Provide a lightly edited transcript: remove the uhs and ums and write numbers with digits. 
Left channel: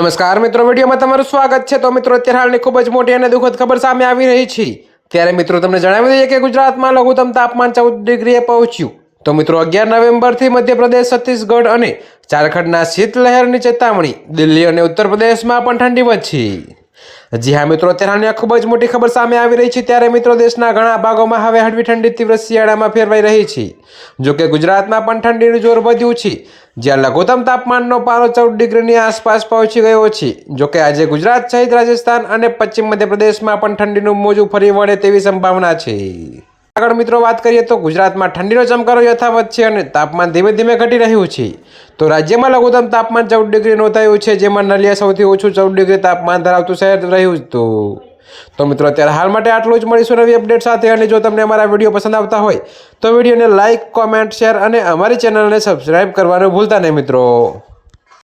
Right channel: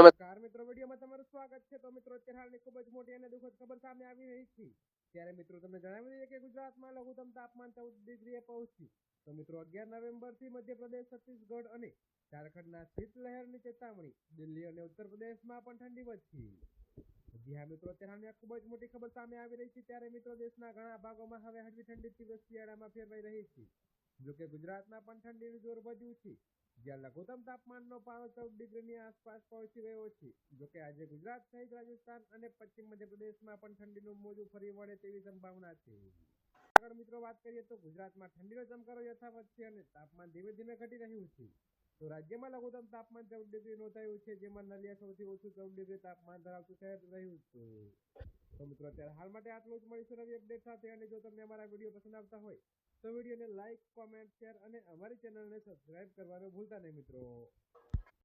નમસ્કાર મિત્રો, વિડીયોમાં તમારું સ્વાગત છે। તો મિત્રો, અત્યારે હાલની ખૂબ જ મોટી અને દુઃખદ ખબર સામે આવી રહી છે। ત્યારે મિત્રો તમને જણાવી દઈએ કે ગુજરાતમાં લઘુત્તમ તાપમાન 14 ડિગ્રીએ પહોંચ્યું। તો મિત્રો 11 નવેમ્બરથી મધ્યપ્રદેશ, છત્તીસગઢ અને ઝારખંડના શીતલહેરની ચેતવણી। દિલ્હી અને ઉત્તર પ્રદેશમાં પણ ઠંડી વધશે। જી હા મિત્રો, અત્યારે હાલની ખૂબ જ મોટી ખબર સામે આવી રહી છે। ત્યારે મિત્રો દેશના ઘણા ભાગોમાં હવે હળવી ઠંડી તીવ્ર શિયાળામાં ફેરવાઈ રહી છે। જોકે ગુજરાતમાં પણ ઠંડીનું જોર વધ્યું છે, જ્યાં લઘુત્તમ તાપમાનનો પારો 14 ડિગ્રીની આસપાસ પહોંચી ગયો છે। જોકે આજે ગુજરાત સહિત રાજસ્થાન અને પશ્ચિમ મધ્યપ્રદેશમાં પણ ઠંડીનું મોજું ફરી વળે તેવી સંભાવના છે। આગળ મિત્રો વાત કરીએ તો ગુજરાતમાં ઠંડીનો ચમકારો યથાવત છે અને તાપમાન ધીમે ધીમે ઘટી રહ્યું છે। તો રાજ્યમાં લઘુત્તમ તાપમાન 14 ડિગ્રી નોંધાયું છે, જેમાં નલિયા સૌથી ઓછું 14 ડિગ્રી તાપમાન ધરાવતું શહેર રહ્યું હતું। તો મિત્રો અત્યારે હાલ માટે આટલું જ। મળીશું નવી અપડેટ સાથે। અને જો તમને અમારા વિડીયો પસંદ આવતા હોય તો વિડીયોને લાઇક, કોમેન્ટ, શેર અને અમારી ચેનલને સબસ્ક્રાઈબ કરવાનું ભૂલતા નહીં મિત્રો।